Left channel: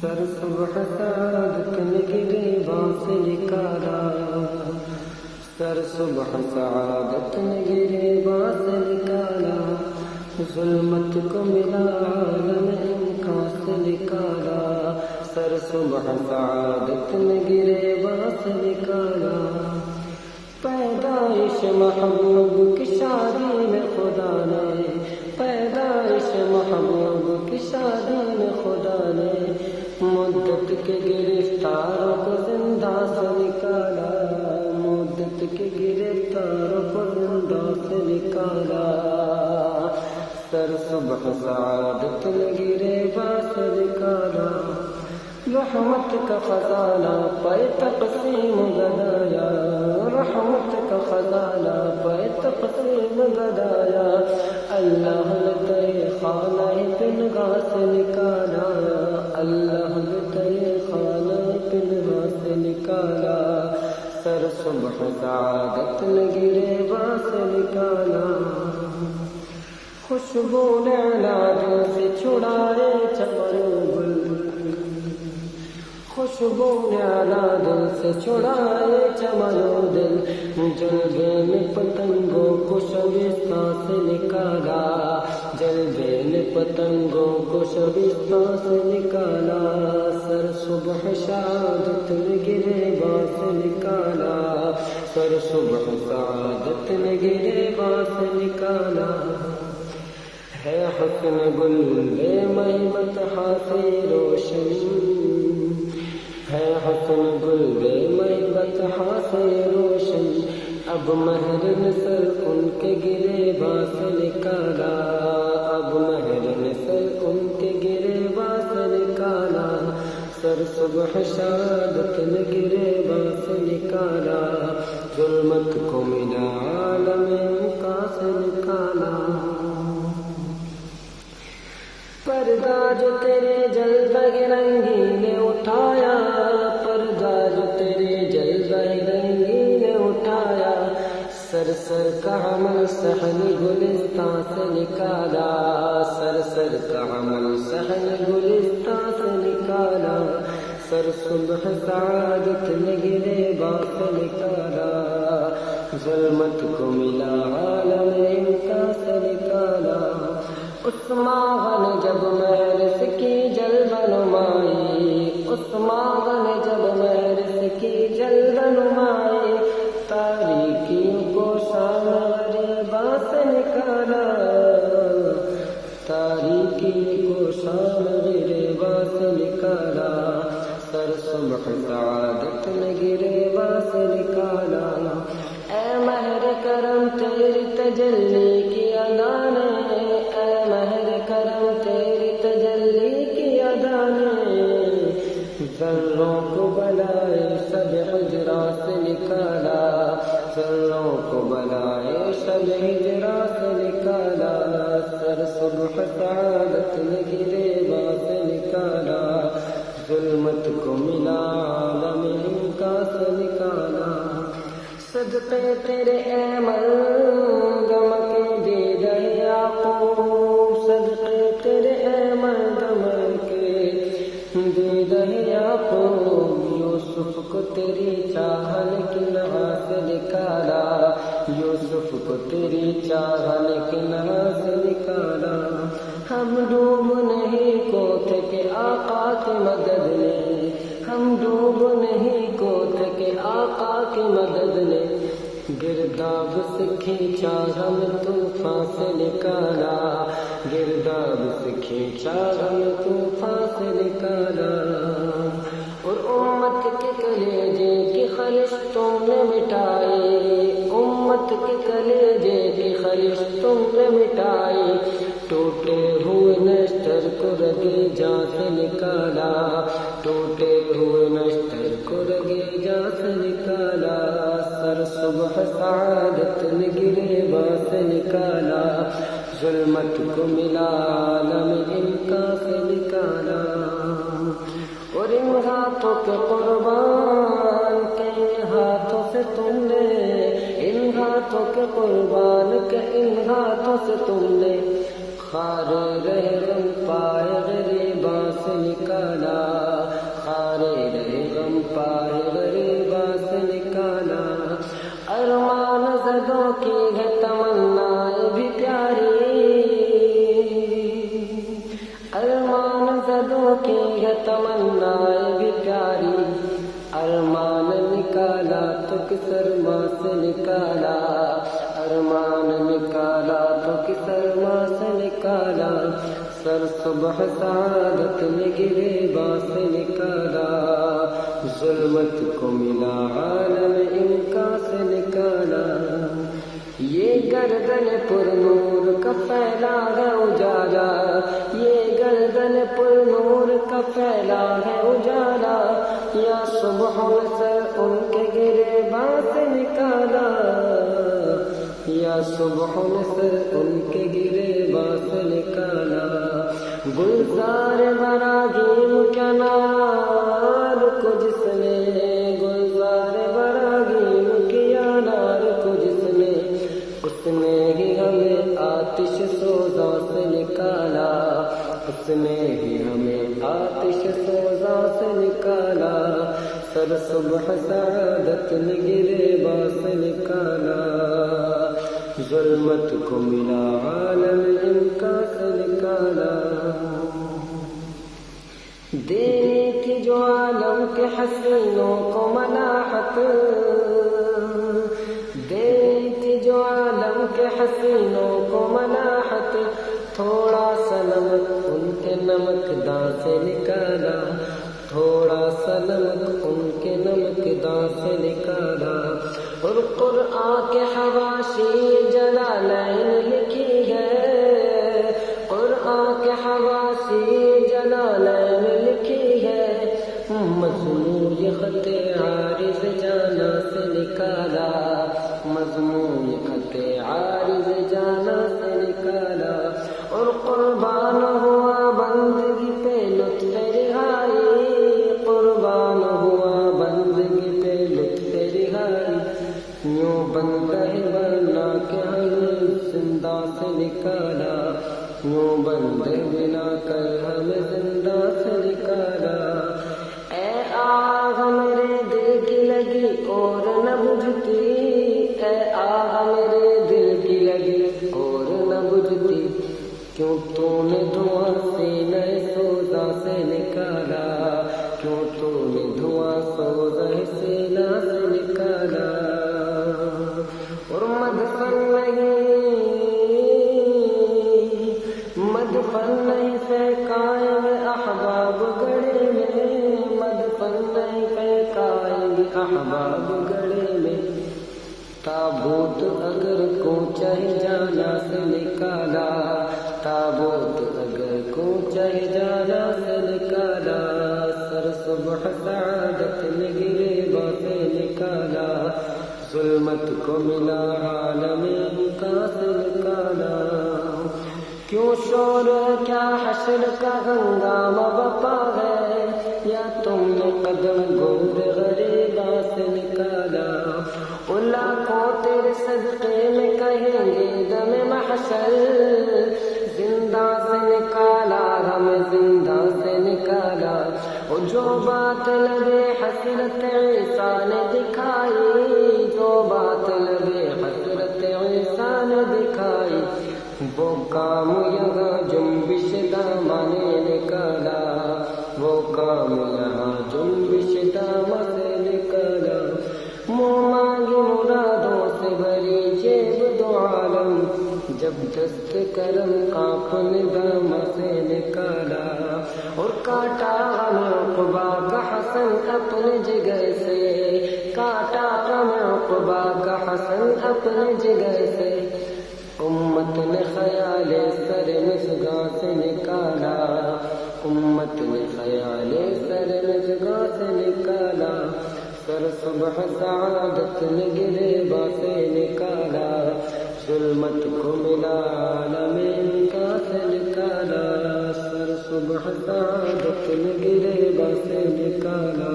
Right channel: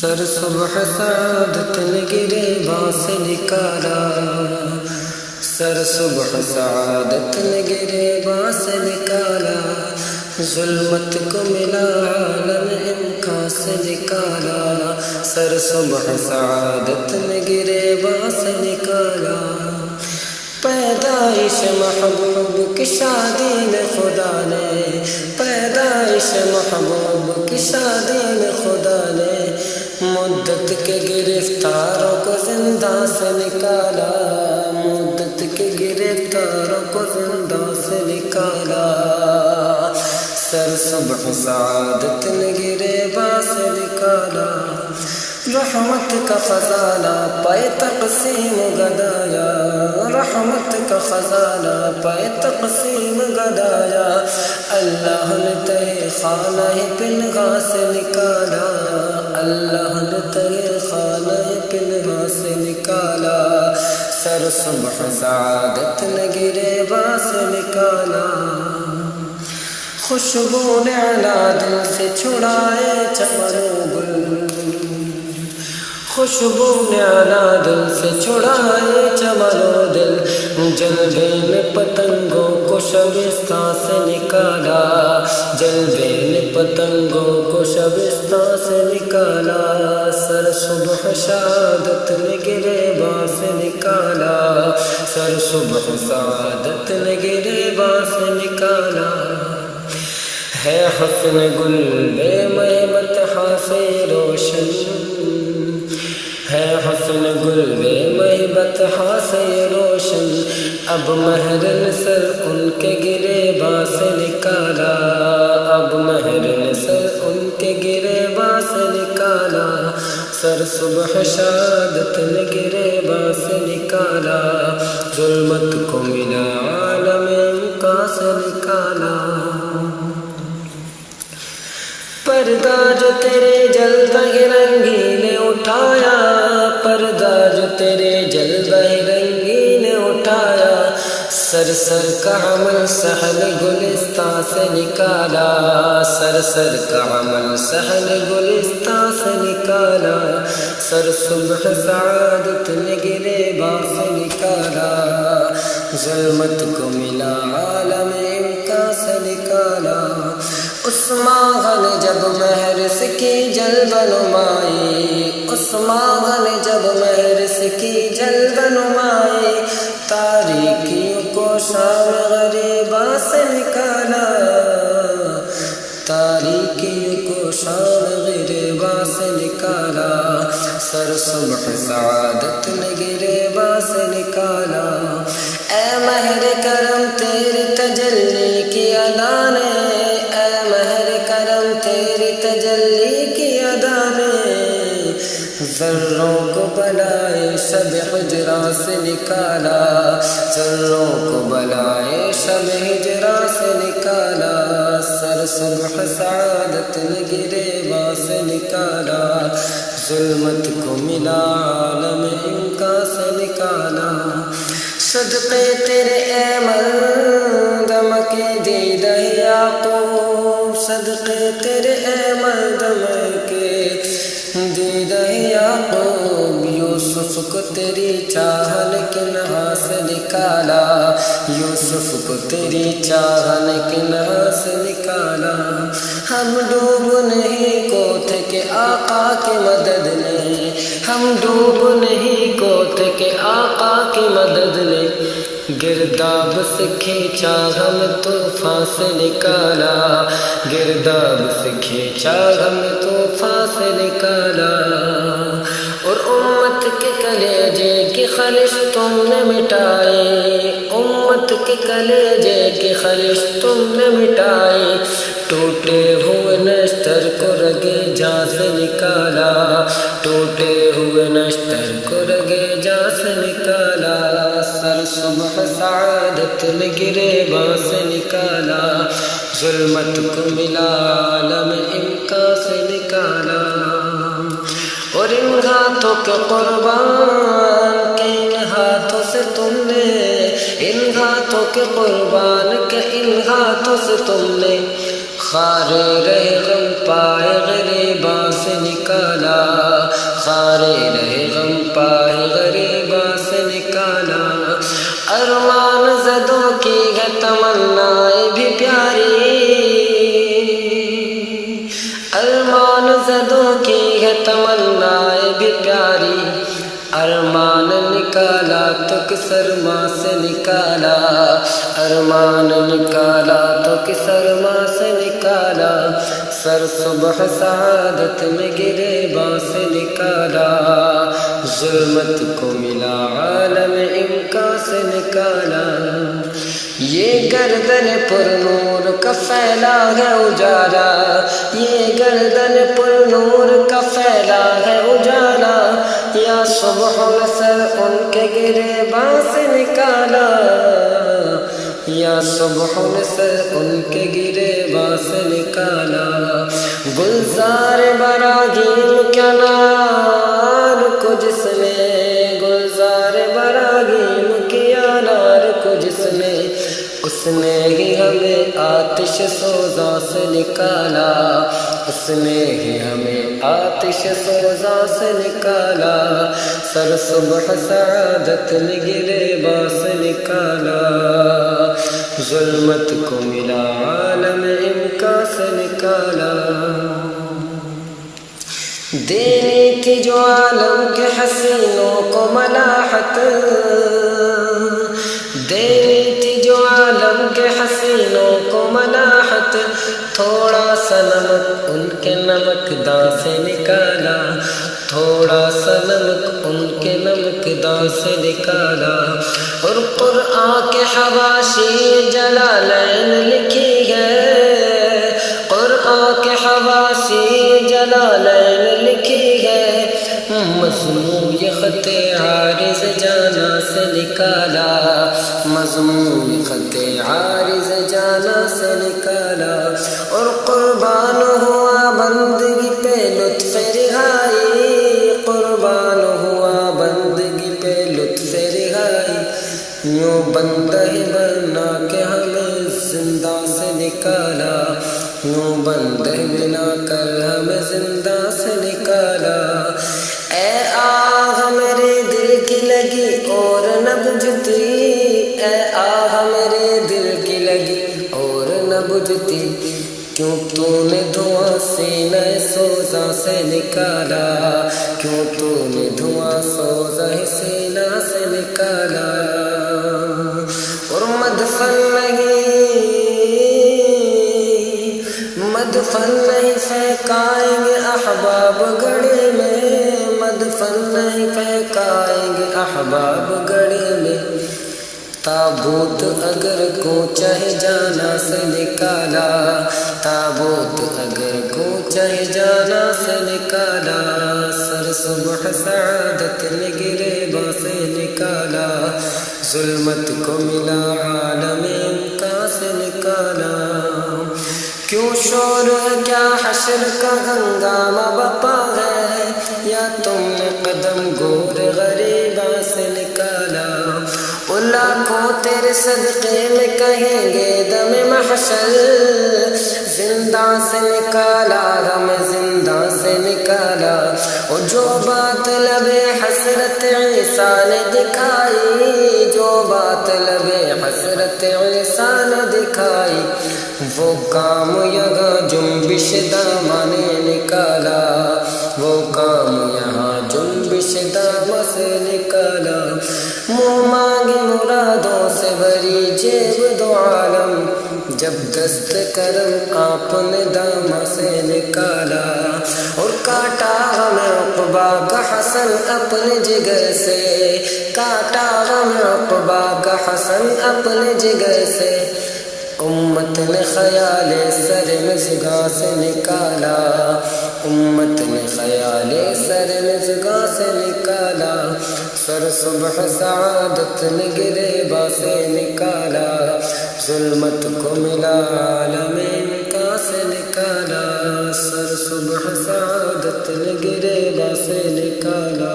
سر صبح سعادت نے گریباں سے نکالا، سر صبح سعادت نے گریباں سے نکالا، ظلمت کو ملا عالم امکان سے نکالا، سر صبح سعادت نے گریباں سے نکالا۔ پیدائش محبوب کی شادی میں خدا نے، پیدائش محبوب کی شادی میں خدا نے مدت کے گرفتاروں کو زندہ سے نکالا، مدت کے گرفتاروں کو زندہ سے نکالا، سر صبح سعادت نے گریباں سے نکالا۔ رحمت کا خزانہ پائے تقسیم گدایا، رحمت کا خزانہ پائے تقسیم گدایا، اللہ نے تہ خانہ پنہا سے نکالا، اللہ نے تہ خانہ پنہا سے نکالا، سر صبح سعادت نے گریباں سے نکالا۔ خوشبو نے علا دل سے چھڑائے چمن و گل، خوشبو نے علا دل سے چھڑائے چمن و دل، جلوے نے پتنگوں کو شبستان سے نکالا، جلوے نے پتنگوں کو شبستان سے نکالا، سر صبح شہادت نے گریباں سے نکالا، سر صبح سعادت نے گریباں سے نکالا۔ ہے حسن گل بے مہبت سے روشن، ہے حسن گل بے مہبت سے روشن، اب مہر نثر ان کے گریباں سے نکالا، اب مہر نثر ان کے گریباں سے نکالا، سر صبح شہادت نے گریباں سے نکالا، ظلمت کو ملا عالم امکان سے نکالا۔ پردہ جو تیرے جلوہ رنگی نے اٹھایا، پردہ جو تیرے جلوہ رنگی نے اٹھایا، سر سر کا عمل صحن گلستان سے نکالا، سر سر کا عمل صحن گلستان سے نکالا، سر صبح سعادت نے گریباں سے نکالا، ظلمت کو ملا عالم امکان سے نکالا۔ اس ماہ نے جب مہرس کی جلوہ نمائی، اس ماہ نے جب مہرس کی جلوہ نمائی، تاریکیوں کو شام غریباں سے نکالا، تاریکیوں کو شام غریباں سے نکالا، سر صبح سعادت نے گریباں سے نکالا۔ اے مہر کرم تیری تجلی کی ادا نے، اے مہر کرم تیری تجلی کی ادا نے ذروں کو بلائے شب ہجراں سے نکالا، ذروں کو بلائے شب ہجراں سے نکالا، سر صبح سعادت نے گریباں سے نکالا، ظلمت کو ملا عالم امکان سے نکالا۔ صدقے تیرے اے مردم کے دیدہ یعقوب، صدقے تیرے اے مردم کے دیدہ یعقوب، یوسف کو تیری چاہن کنہا سے نکالا، یوسف کو تیری چاہن کنہا سے نکالا۔ ہم ڈوب نہیں کو تھے کہ آقا کی مدد نے، ہم ڈوب نہیں کو تھے کہ آقا کی مدد نے گرداب سے کھینچا ہم طوفان سے نکالا، گرداب سے کھینچا ہم طوفان سے نکالا، اور امت کے کلیجے کی خلش تم نے مٹائی، امت کے کلیجے کی خلش تم نے مٹائی، ٹوٹے ہوئے نشتر کو رگے جاں سے نکالا، ٹوٹے ہوئے نشتر کو رگے جاں سے نکالا، سر صبح سعادت نے گریباں سے نکالا، ظلمت کو ملا عالم امکان سے نکالا۔ اور ان ہاتھوں کے قربان کے ان ہاتھوں سے تم نے، ان ہاتھوں کے قربان کے ان ہاتھوں سے تم نے خارے رہ غم پائے غریباں سے نکالا، کی ہے تمنائیں بھی پیاری، ارمان نکالا تو کس ارمان سے نکالا، ارمان نکالا تو کس ارمان سے نکالا، سر صبح سعادت میں گریباں سے نکالا، ظلمت کو ملا عالم امکان سے نکالا، یہ گردن پر نور کا پھیلا ہے اجالا، یہ گردن پر نور کا پھیلا ہے اجالا، یا صبح سر ان کے گریباں سے نکالا، یا صبح سر ان کے گریباں سے نکالا، گلزار براگیم کیا نار کو جس نے، گلزار براگیم کیا نار کو جس نے، اس نے ہی ہمیں آتش سوزاں سے نکالا، اس نے ہی ہمیں آتش سوزاں سے نکالا، سر صبح سعادت میں گریباں سے نکالا، ظلمت کو ملا عالم امکان سے نکالا، دینی تھی جو عالم کے حسینوں کو ملاحت، دینی تھی جو عالم کے حسینوں کو ملاحت، تھوڑا سا نمک ان کے نمک داں سے نکالا، تھوڑا سا نمک ان کے نمک داں سے نکالا، اور قرآن کے حواشی جلالین لکھی ہے، قرآن کے حواشی جلالین لکھی ہے، مضمون یہ خط عارض جانا سے نکالا، مضمون یہ خط عارض جانا سے نکالا، اور قربان ہوا بندگی پہ لطف رہائی، قربان ہوا بندگی پہ لطف رہائی، یوں بندہ بنا کے ہمیں زندہ سے نکالا، یوں بندہ بنا کر ہمیں زندہ سے نکالا، اے آہ میرے دل کی لگی اور نہ بجھتی، اے آہ میرے دل کی لگی اور نہ بجھتی، کیوں تو نے دھواں سینہ سوزاں سے نکالا، کیوں تو نے دھواں سوزاں سینہ سے نکالا، اور مدفن نہیں پھینکائیں گے احباب گڑھے میں، مدفن نہیں پھینکائیں گے احباب گڑھے میں، تابوت اگر کوچہ جانا سے نکالا، تابوت اگر کوچہ جانا سے نکالا، سر صبح سعادت میں گریباں سے نکالا، ظلمت کو ملا عالم امکان سے نکالا، کیوں شور ہے کیا حشر کا ہنگامہ بپا ہے، یا تم نے قدم گور غریباں سے نکالا، لاکھوں تیرے صدقے میں کہیں گے دم محشر، زندہ سے نکالا ہمیں زندہ سے نکالا، اور جو بات لب حسرت عیسیٰ نے دکھائی، جو بات لب حسرت عیسیٰ نے دکھائی، وہ کام یہاں جنبش دامہ نے نکالا، وہ کام یہاں جنبش دامہ سے نکالا، منہ مانگی مرادوں سے بھری جیب دو عالم، جب دست کرم آپ نے دامہ سے نکالا، اور کاٹا غم عقبہ کا حسن اپنے جگر سے، کاٹا غم عقبہ کا حسن اپنے جگر سے، امت نے خیال سر مژگاں سے نکالا، امت نے خیال سر مژگاں سے نکالا، سر صبح سعادت نے گریباں سے نکالا، ظلمت کو ملا عالم امکان سے نکالا، سر صبح سعادت نے گریباں سے نکالا۔